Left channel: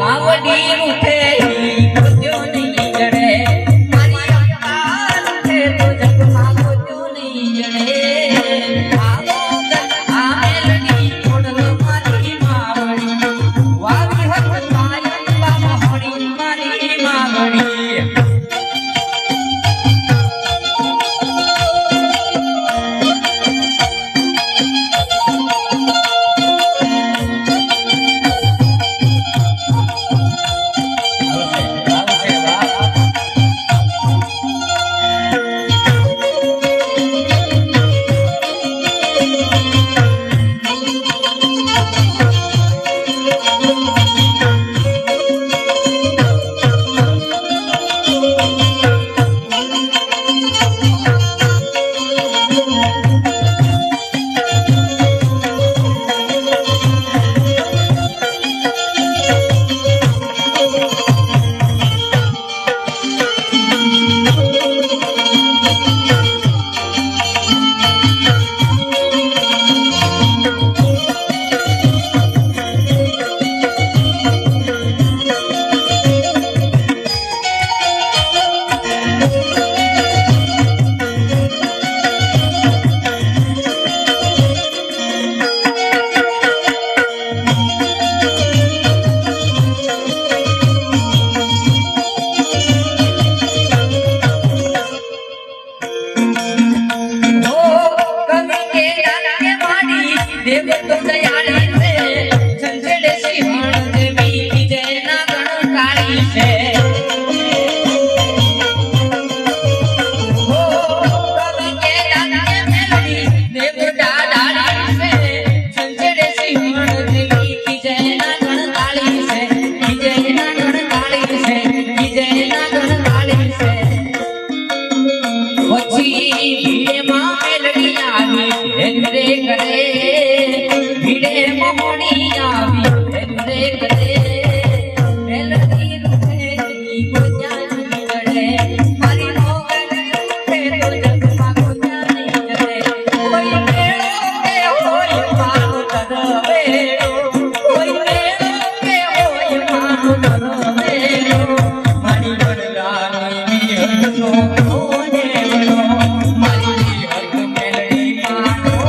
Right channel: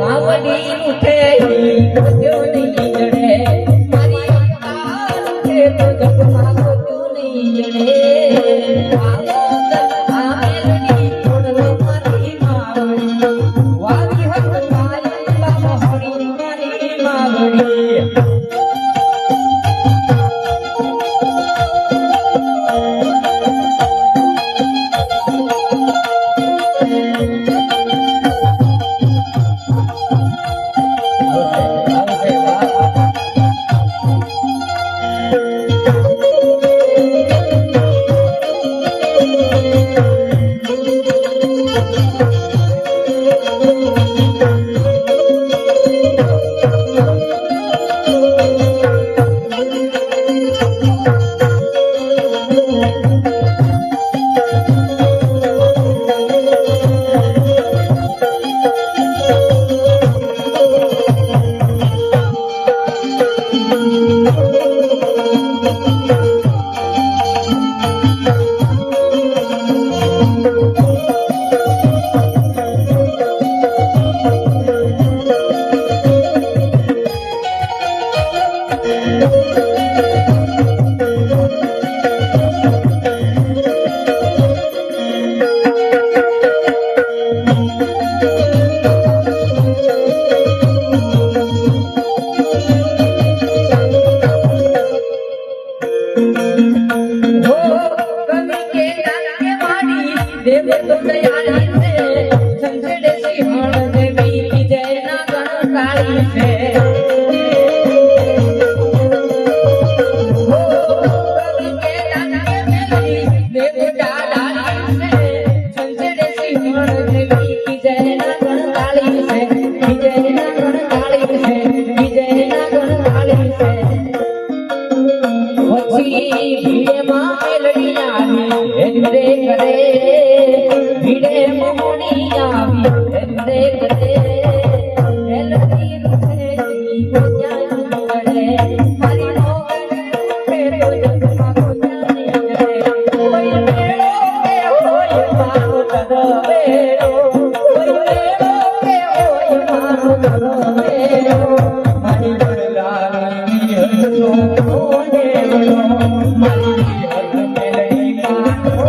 मावडी उठे गोत्यो नहीं जड़े मारी अवतार उठे तो जग मावड्यो नहीं जड़े आमेलनी छोड़ो मारी मावड़ी वावी हक माया मोहड़ी मारी मावड़ी देव तो दयाली से संजड़े सिंहण देवी विजय ना गण काली से हो कवि के डाके मेलड़ी देव डाडाली से संजड़े सिंहण देवी विजय ना गण काली से विजय ना गण काली से विजय ना गण काली से वची भीड़े मां मेलड़ी आवी हेंद्रे करे भिड़े मोहनी आवी हेंद्रे करे मेलडी उठे को जानी करे मारी मोगन उठे तो जग को जानी करे कोई मेलो के होय मानो करवेरो कोई मेलो के होय मानो करवेरो मारी बरगानी हजो ओने मारी हज मेलडी कानो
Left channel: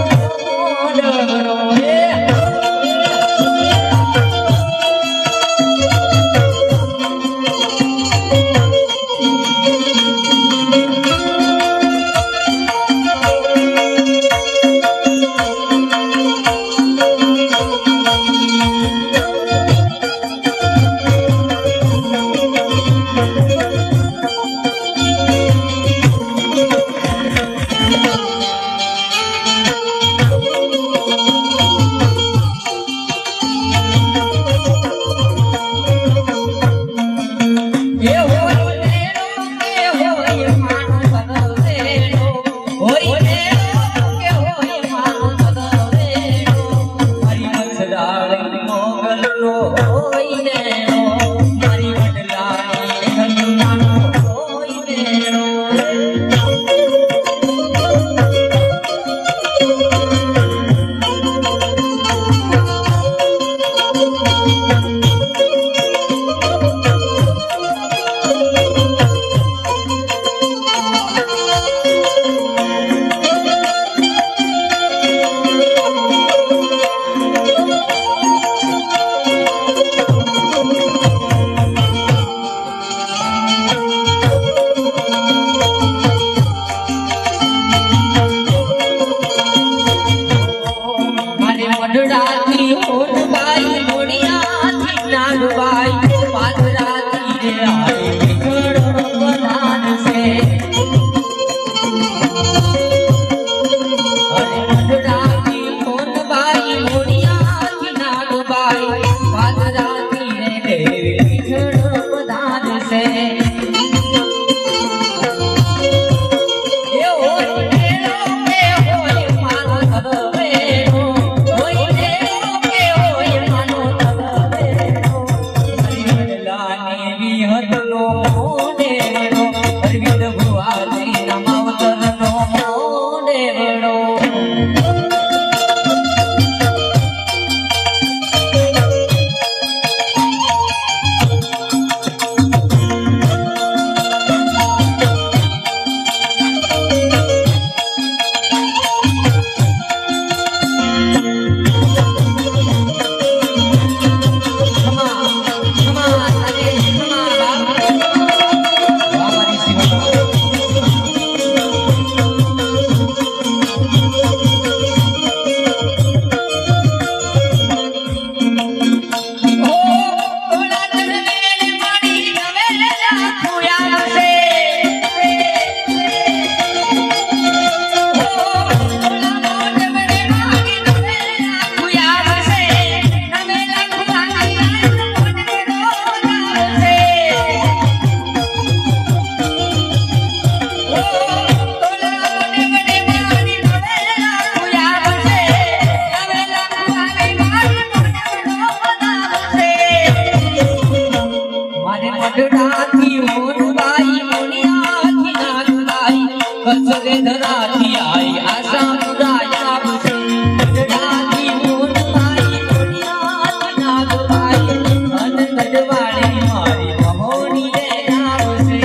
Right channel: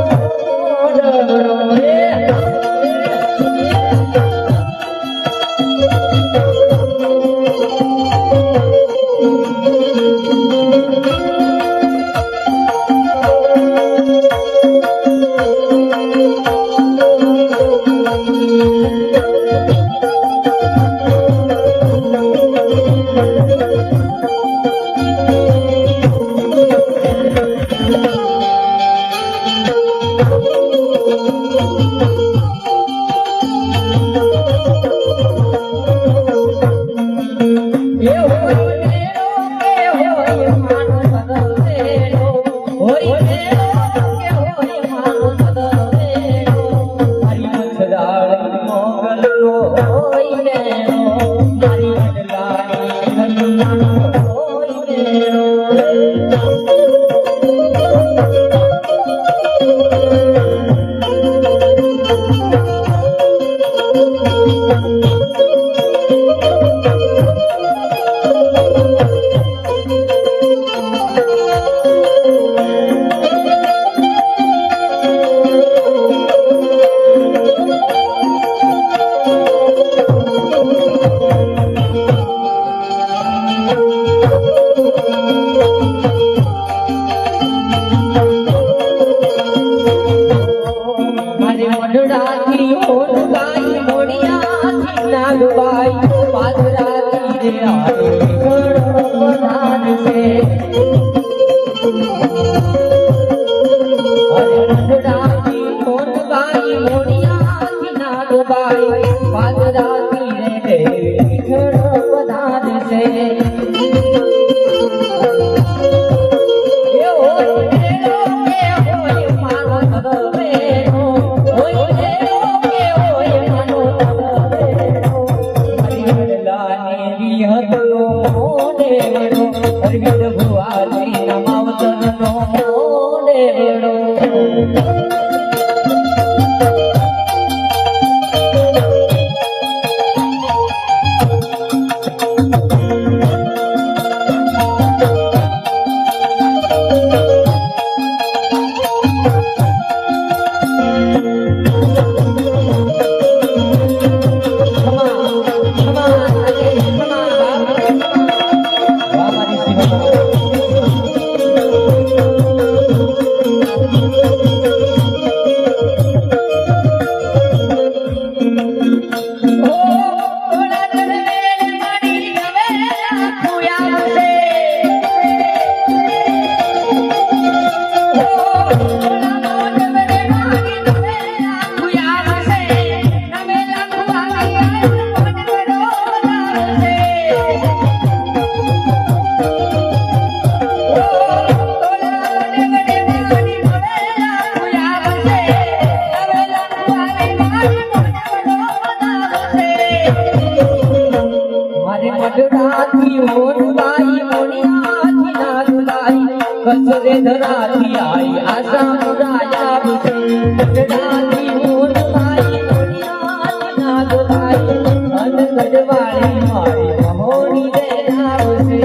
ગઢડાથી ઓનબાઈ મોણિયાથી નાગબાઈ કચરે ધરાથી આઈ આશા મુરાયા બસે ગઢડાથી ઓનબાઈ મોણિયાથી નાગબાઈ અન ગઢવાળી મારી મહોણી રે આવશે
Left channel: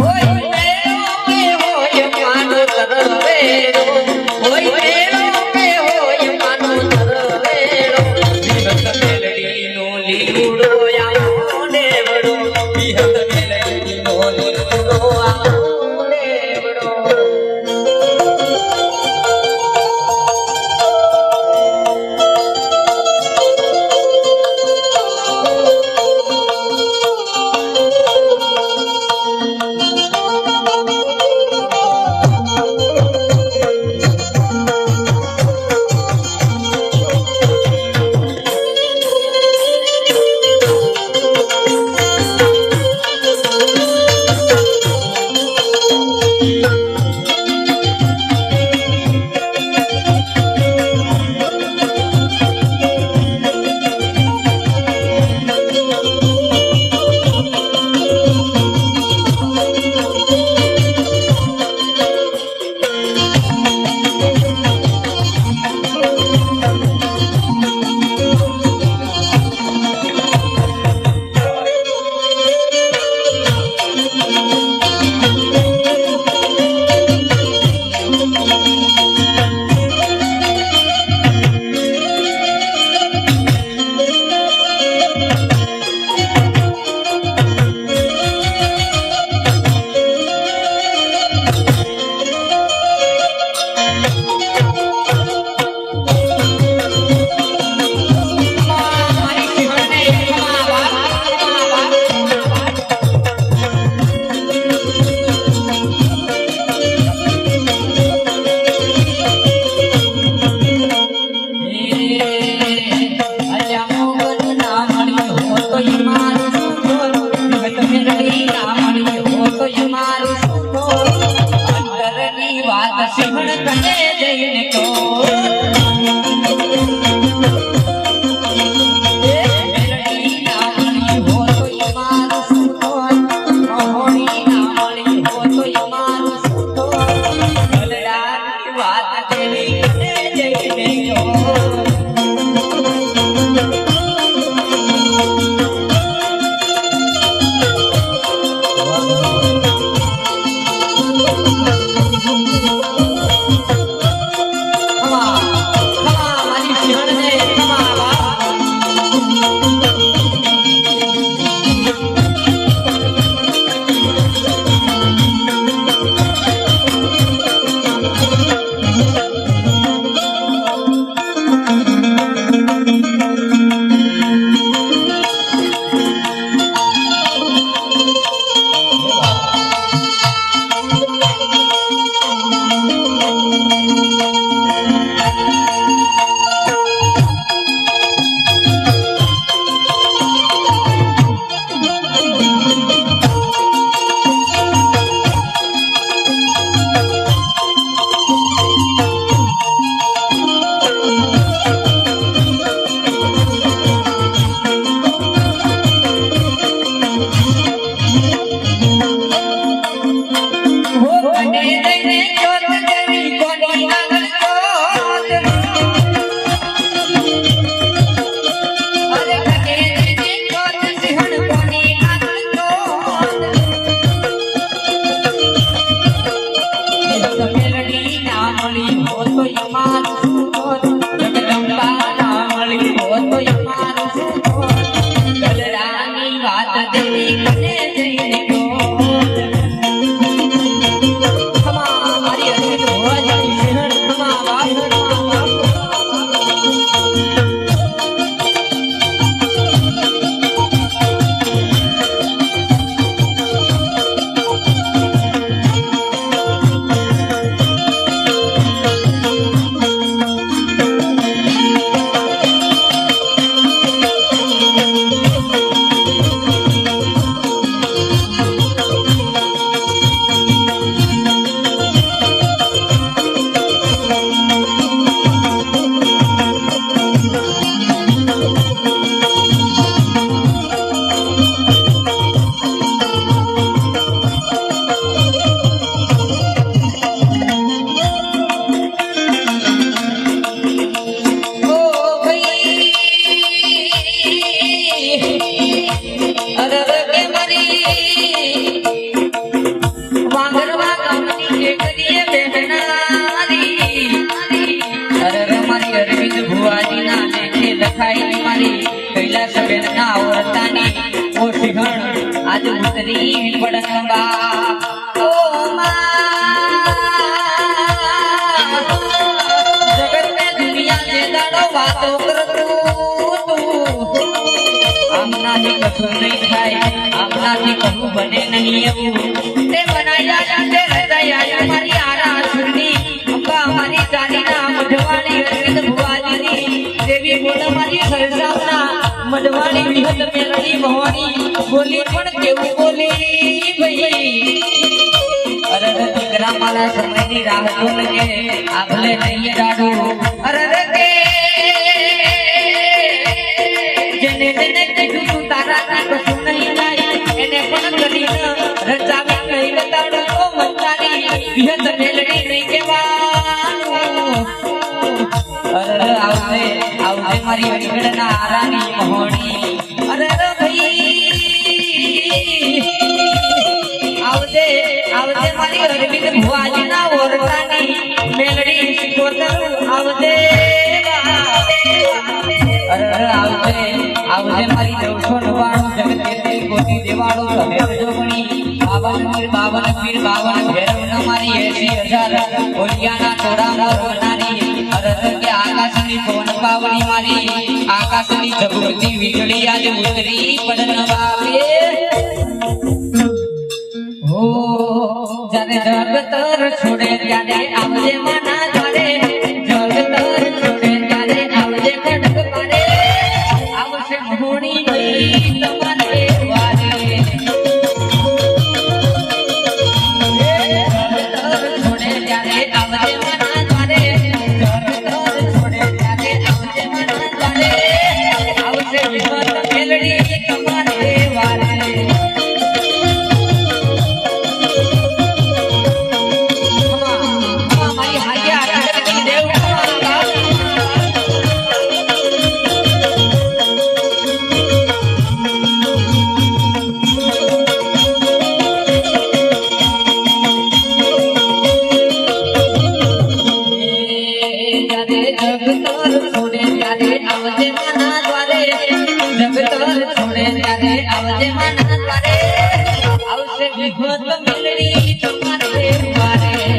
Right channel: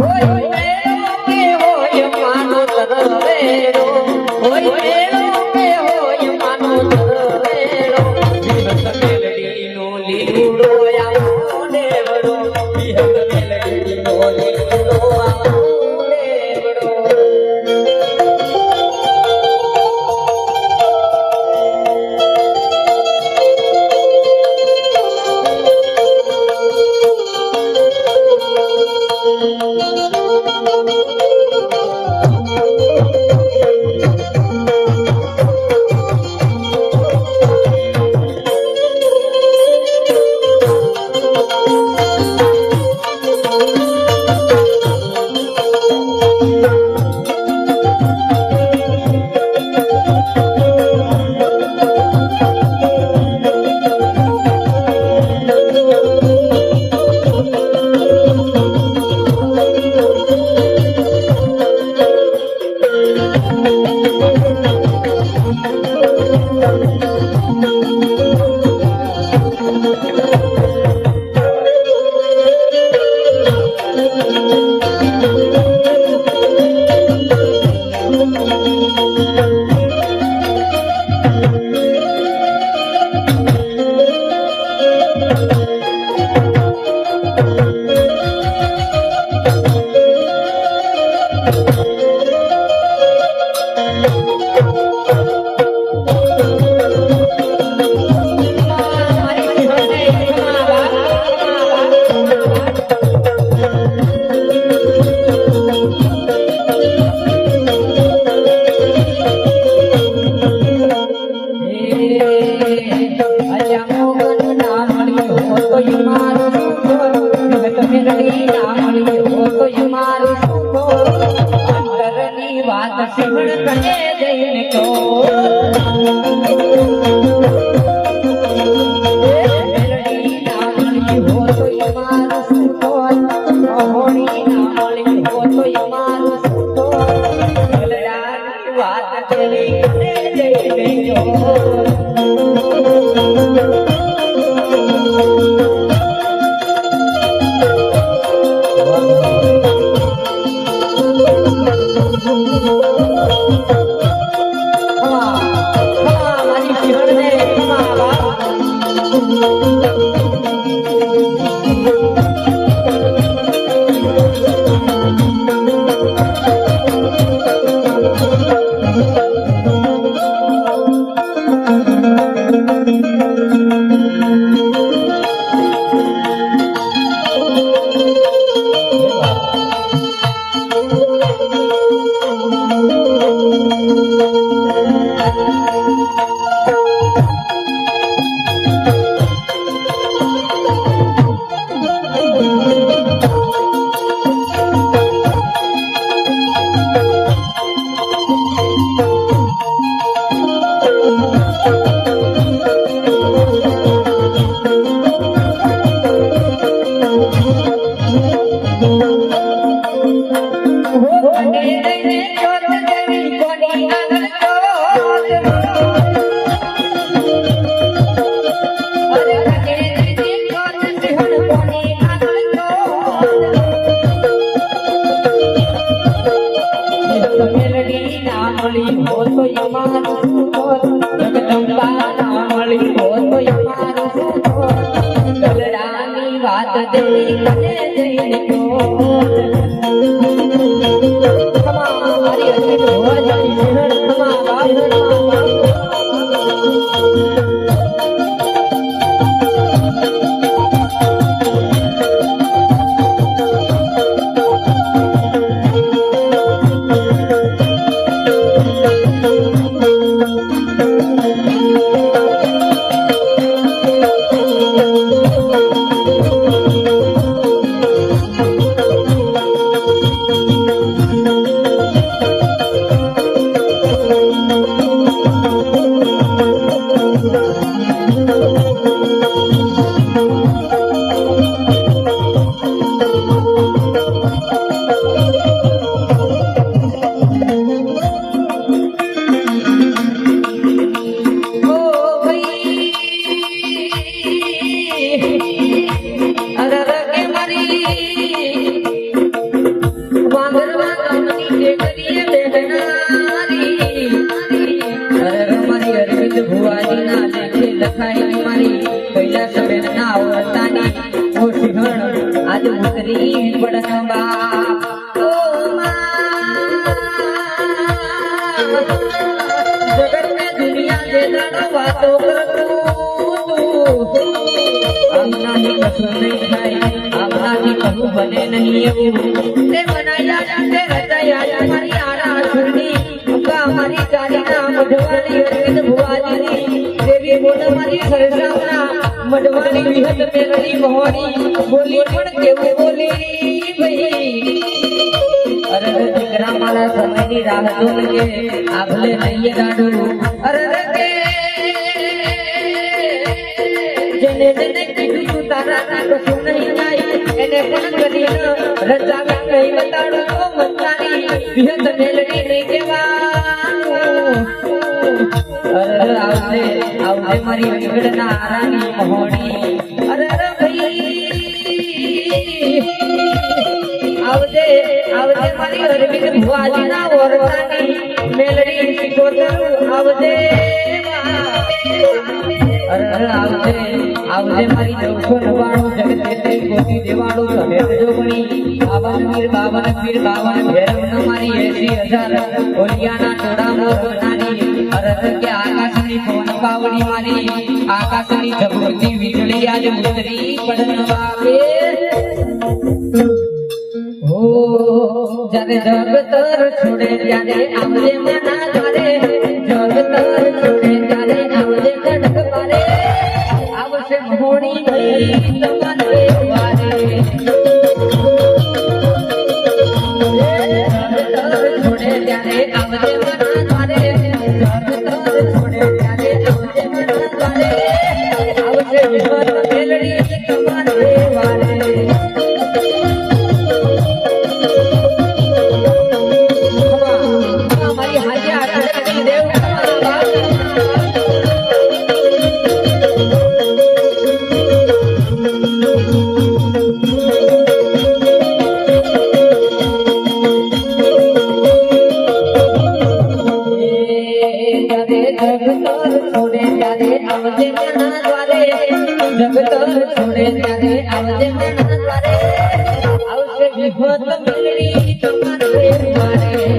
હોય મેળો કે હોય માનો તરવેરો હોય મેળો કે હોય માનો તરવેરો મેલડીનો લીલુડો આવો દેવડો વિહત મેલડીનો લીલુડો આવો દેવડો ઉતરી પડંબા ઓ જગત में दुनिया जे दाड़ो वातो करतू आमनाથી કશું નહીં થાય આમનાથી કશું બને નહીં એવું તે બનાયા છે રચાયા મારી આરા સુરની અંબા મારી ચાલીના મઢવાડી અરવિંદ ભુવાજીની દેવી બોલ મારી સરસામના મઢવાડી વિહત મેલડી મોહની બોલી પણ કેવું બોલી ભઈ અરે દીકરા મારા સમયની રાહ જોને કે આગલે નહીએ રાડો અરે કે જેને જેને કીધું તું તારા કશું નહીં થાય એને પણ કદી રચાવી કઈ બતાડો તો મંતાની વિહત મેલડી નહીં કેવાનું અરે આવજે આવજે મારી વિગડના આરામી મોહણી અરે ભાઈ આવજે આવજે મારી અરવિંદ ભુવાજીના ઓરડાની મેલડી શિકોતર આવજે અરે આવજે આવજે મારી 999 જગતની કોટી દેવાળો તમે જોગણી બાવન પીર બાવન ભેરવ મારી 80000 ઓલિયાના ટોળા મોર બનાની અરે કે આકાશની પવન પાવડી મારી આકાશની જગતી વીજળી આલી ઉતરી પડન બાપે હો જાને જગતર છોડે ત્યારે આવજે મના જાડે જગતર છોડે ત્યારે આવજે કડક પારે આવશે મોહણી નહીં તમારે વારે જગતર છોડે ત્યારે આવજે મના જાડે જગતર છોડે ત્યારે આવજે મના જાડે આવશે વિશ્વત મેલડી તમારે વારે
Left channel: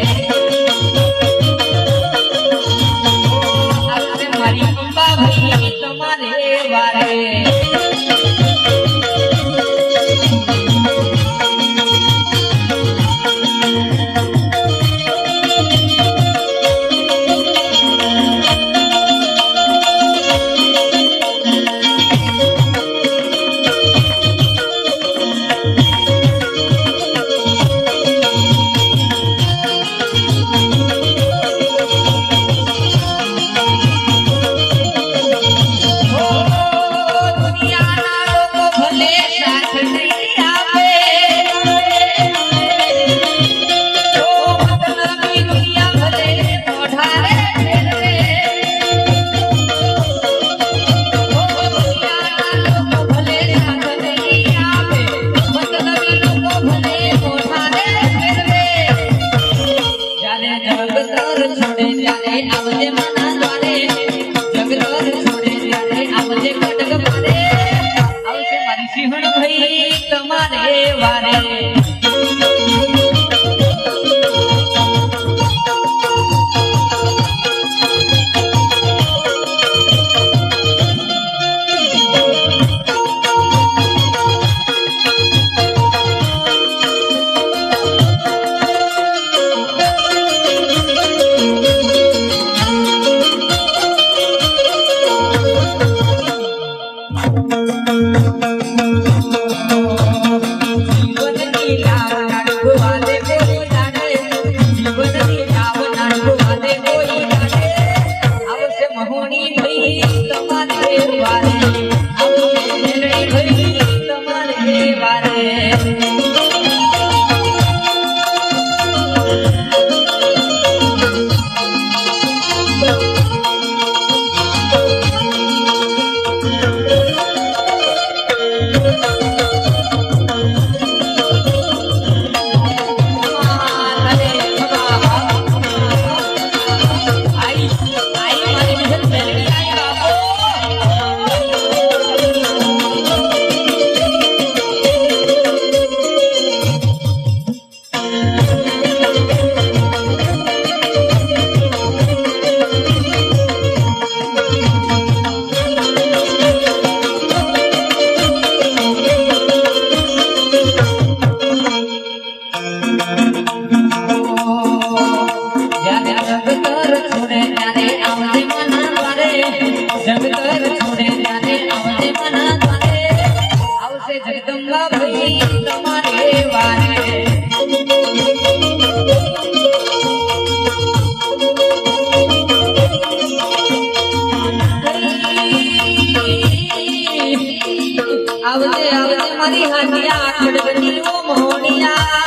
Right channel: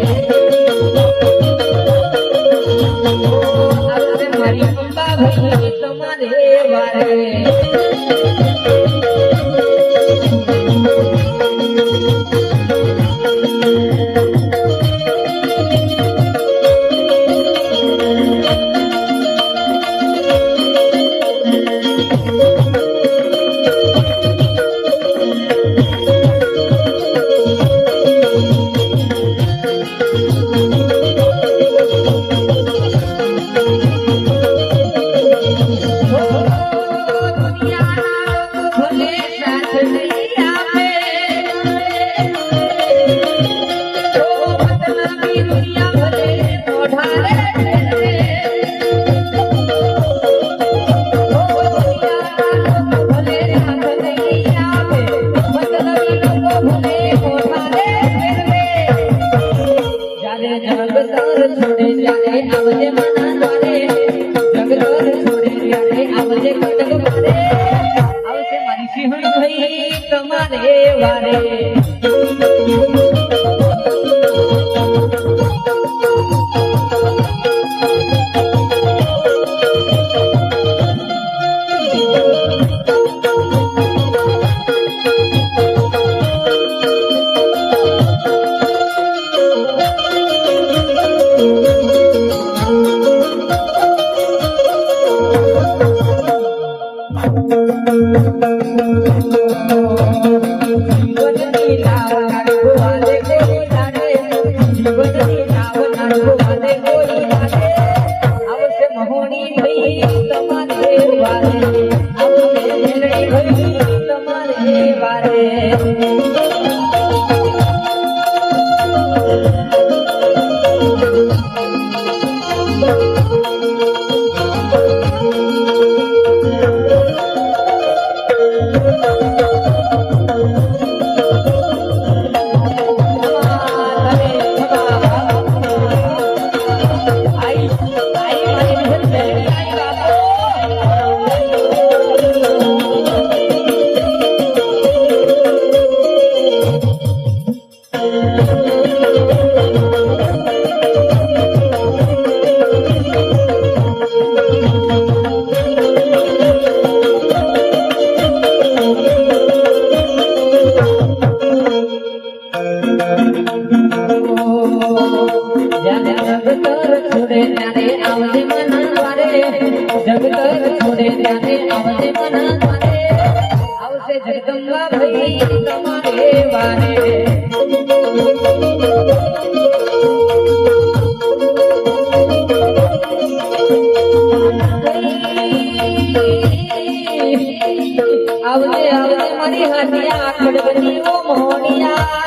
મારી હાથિયા ખડગની મોહણિયા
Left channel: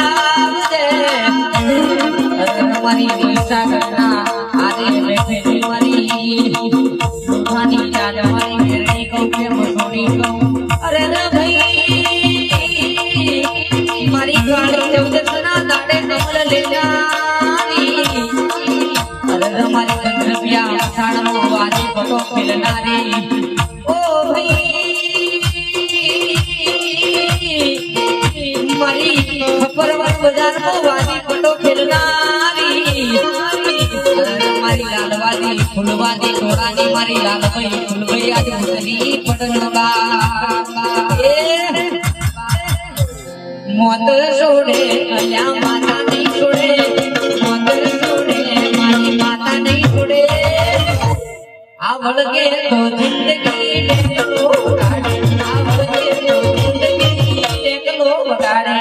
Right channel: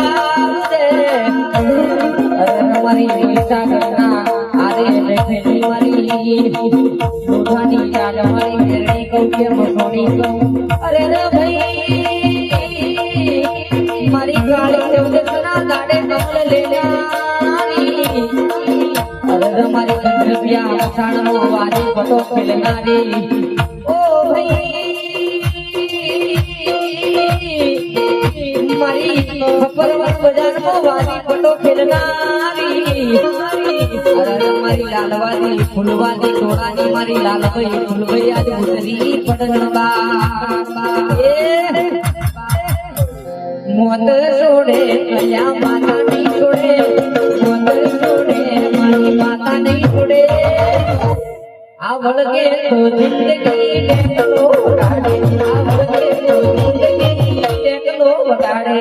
મારી વિશાખના આરે બેઠી મારી દુખાની ચાલ મારી મેરણી કહું કે મોહણી કહું અરે ના ભાઈ મારી કાળી ચૌદસના દાડે કમળ લેનારી અરે મારી ગંધર્વ્યા સાણમો વાદી પટો ખીલનારી ઓ ભાઈ મારી પર્વત બજારમાં વાદી પટો ખેલનારી અરે મારી લાલવાદી ફૂલવાદી ઘોડાની મારી લાલભાઈ ફૂલભાઈ આજ ઉતરી પટનબા મોત છોડે અલ્યા માતા નહીં છોડે મોત છોડે મારી માતા નહીં છોડે આ વળગે તો જિંદગી ટેકલો વટાડે આ વળગે તો જિંદગી ટેકલો વટાડે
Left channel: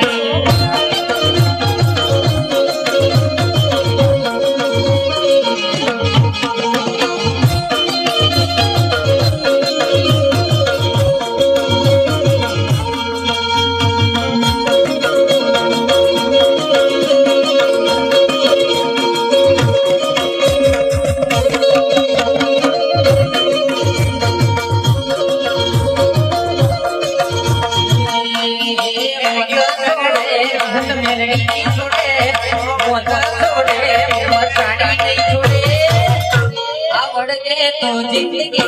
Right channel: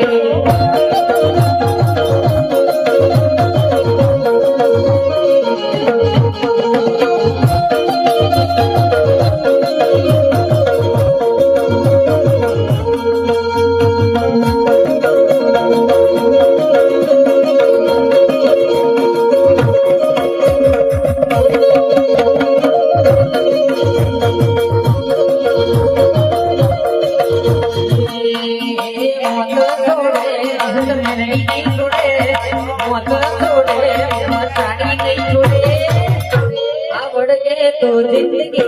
तो जिंदगी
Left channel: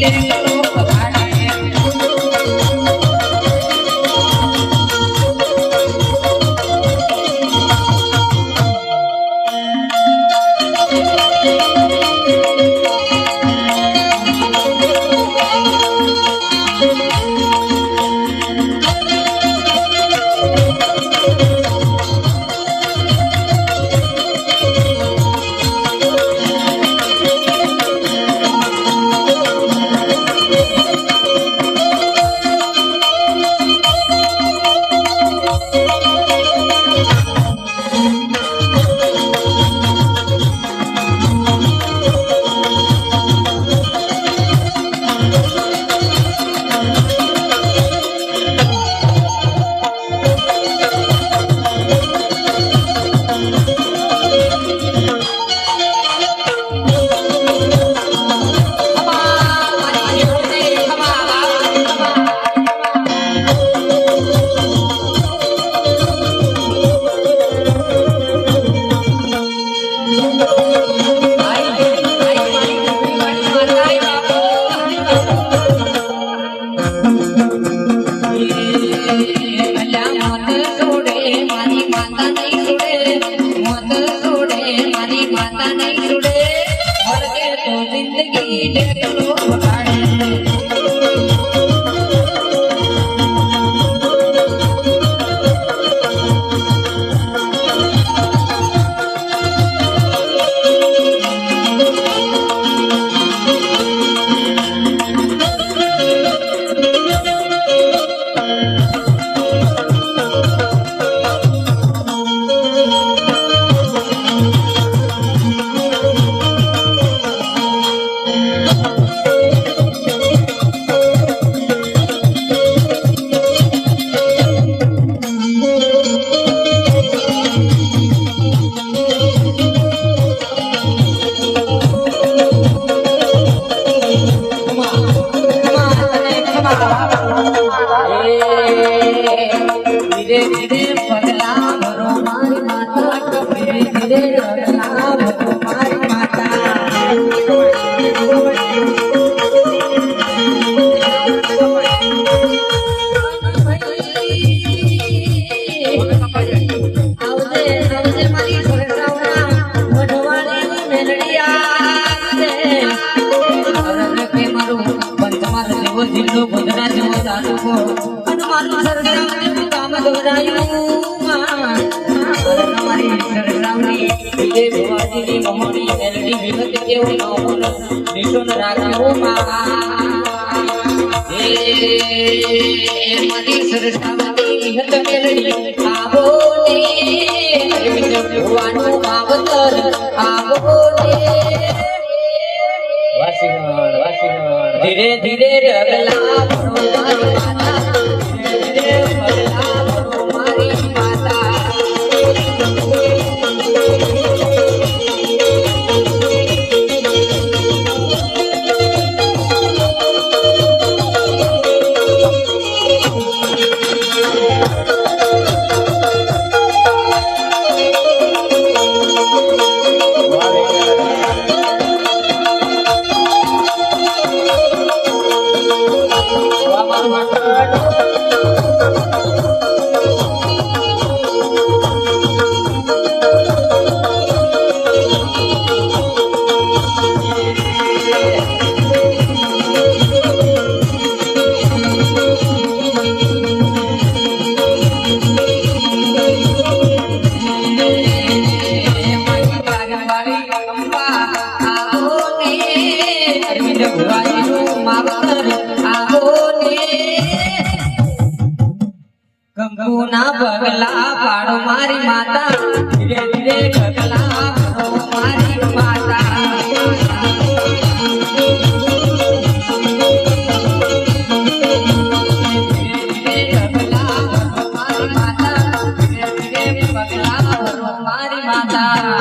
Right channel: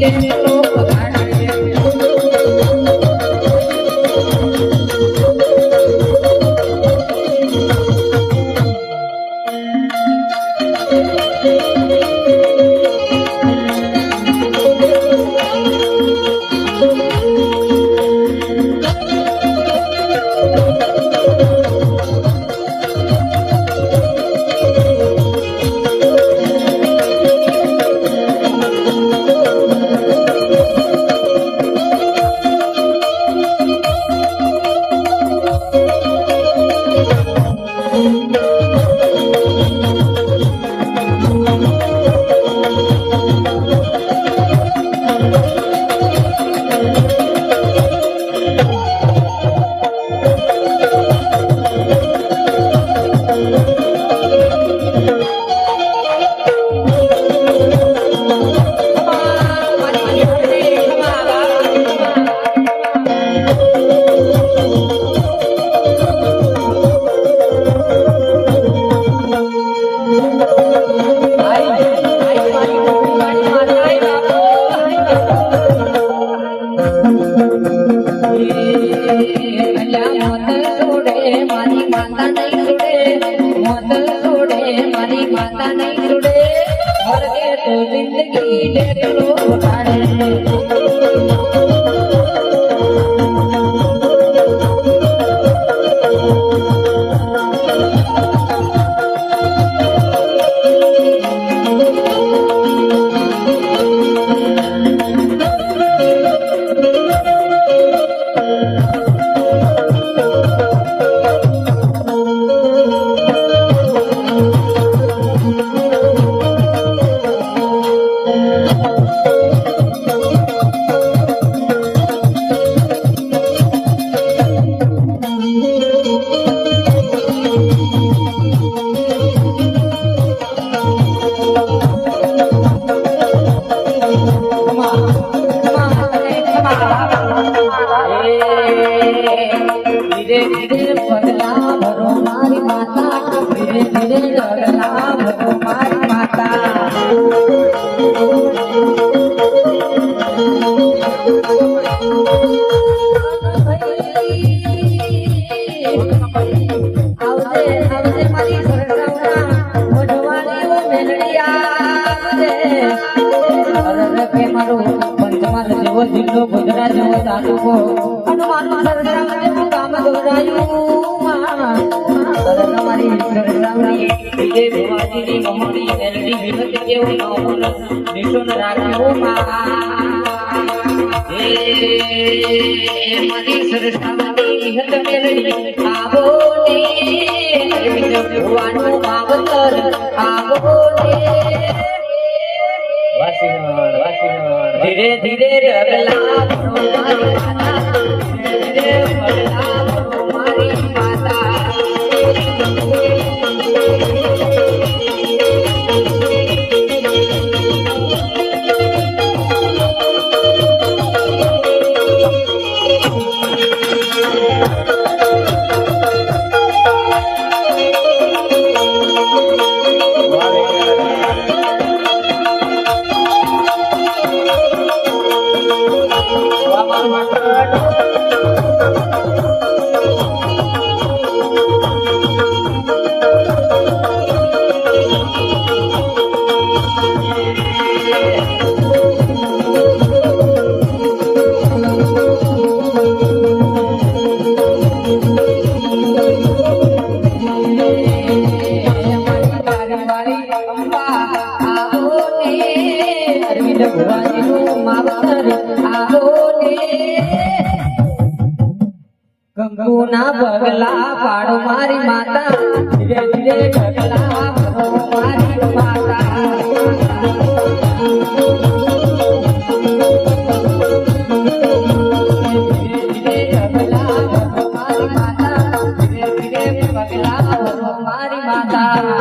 देखो तो जिंदगी देखो જિલ્લો ગુજરાત જેવો તાલુકો અને મારું સરગામ જેવું કામ દોરાયું માં તમારી સરગામની ભવાનીની મમણી મેલડી વિગત જેવું નોમન નિશોન રાખ્યું માં એ મની સરગામની વિગત મેલડી આવો ને ભવાનું માવતર આવો ને ધીરે ધીરે રગલા મારી માતા ધીરે રગલા મારી માતા કંકુના પગલા પાડો મારી માતા ધીરે ધીરે પગલા પાડો મારી માતા ધીરે ધીરે પગલા પાડો મારી માતા ધીરે ધીરે પગલા પાડો મારી માતા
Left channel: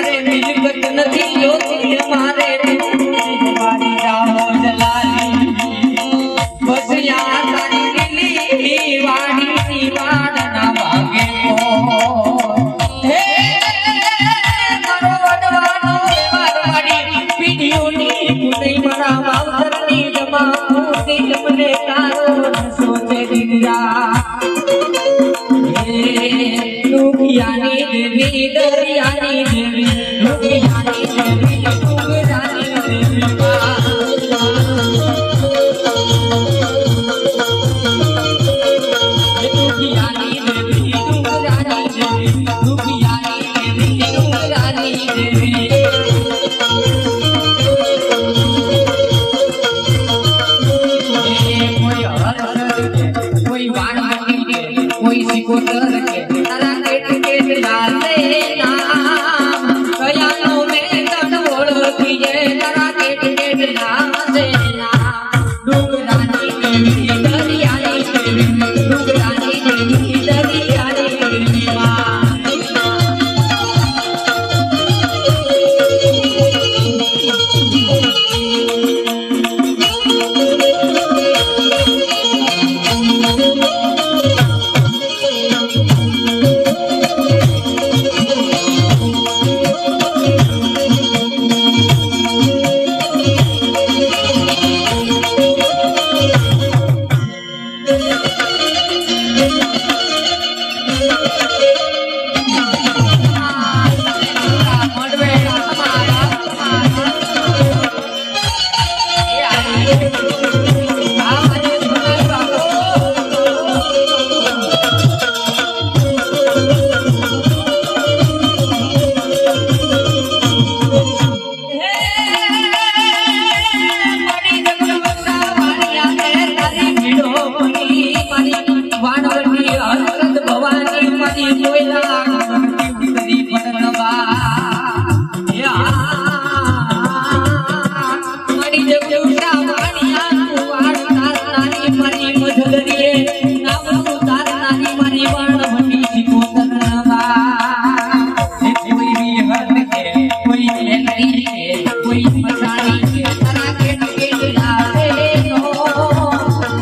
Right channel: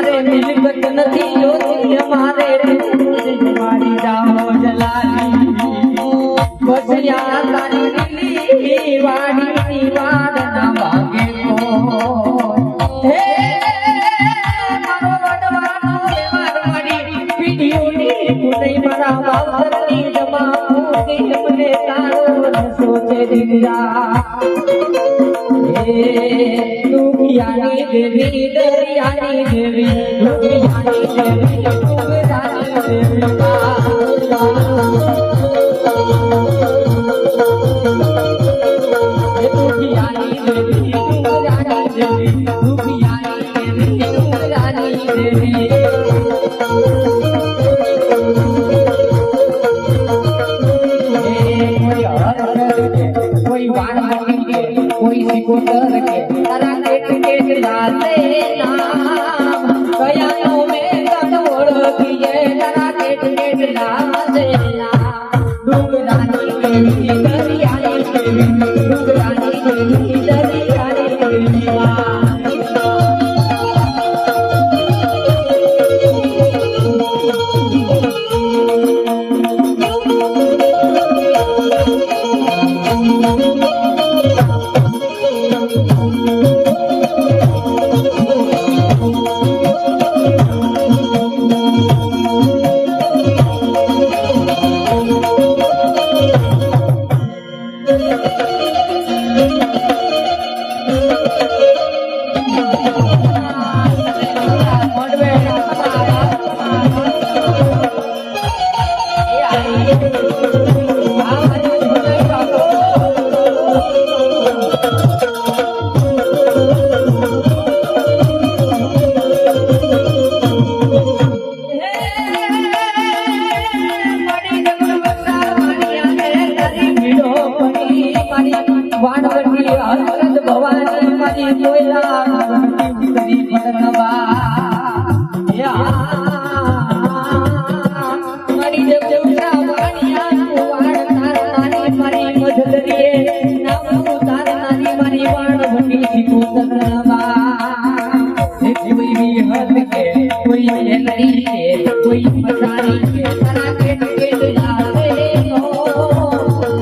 મારે મિલકત નથી જોતી અમારે મારી જાઓ જલાલી બસ યા તારી લીલી વાડીની વાડના ભાગે હે મારો વડવાનો મારો મારી પીડીઓની કુટઈ મારા બાવતરની જમા દિલ મને તારો સોચે દિયા દુખિયાની દેવી દરિયાની દેવી દુખિયાની દેવી ડુંગરાની દેવી દુખિયાની દેવી ડુંગરાની દેવી દુખિયાની દેવી ડુંગરાની દેવી કોઈ વાણ કે કોઈ સિકોતર કે તારા કેટ લાલે નામ કયાનો મેં તન ઓળખી જે તારા કેટ લાલે નામ ડુંગરાની દેવી દરિયાની દેવી ડુંગરાની દેવી દરિયાની દેવી વાણવટી હરકત ભવાની મારી કોયલા કદી પટનવા મારી જગુસા વાણિયા વાણ તારનારી મારી મધલરીએ નામ તારનારી મારી વાણવટી સિકોતરવા કોઈ વિહત કે કોઈ લેતી કે કોઈ મસાણી કે તારા કે લાલે નો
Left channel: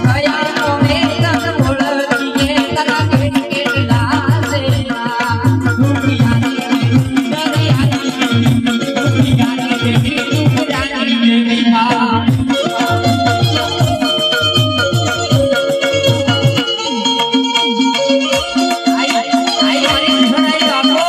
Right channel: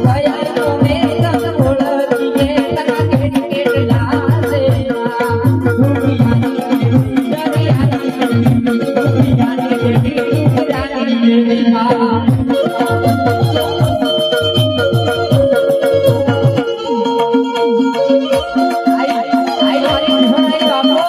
કયાનો મેં તન ઓળખી જે તારા કે લાલે દુખિયાની દરિયાની દુખિયાની દુખિયાની દેવી માં આઈ મારી ભરાઈ બાપો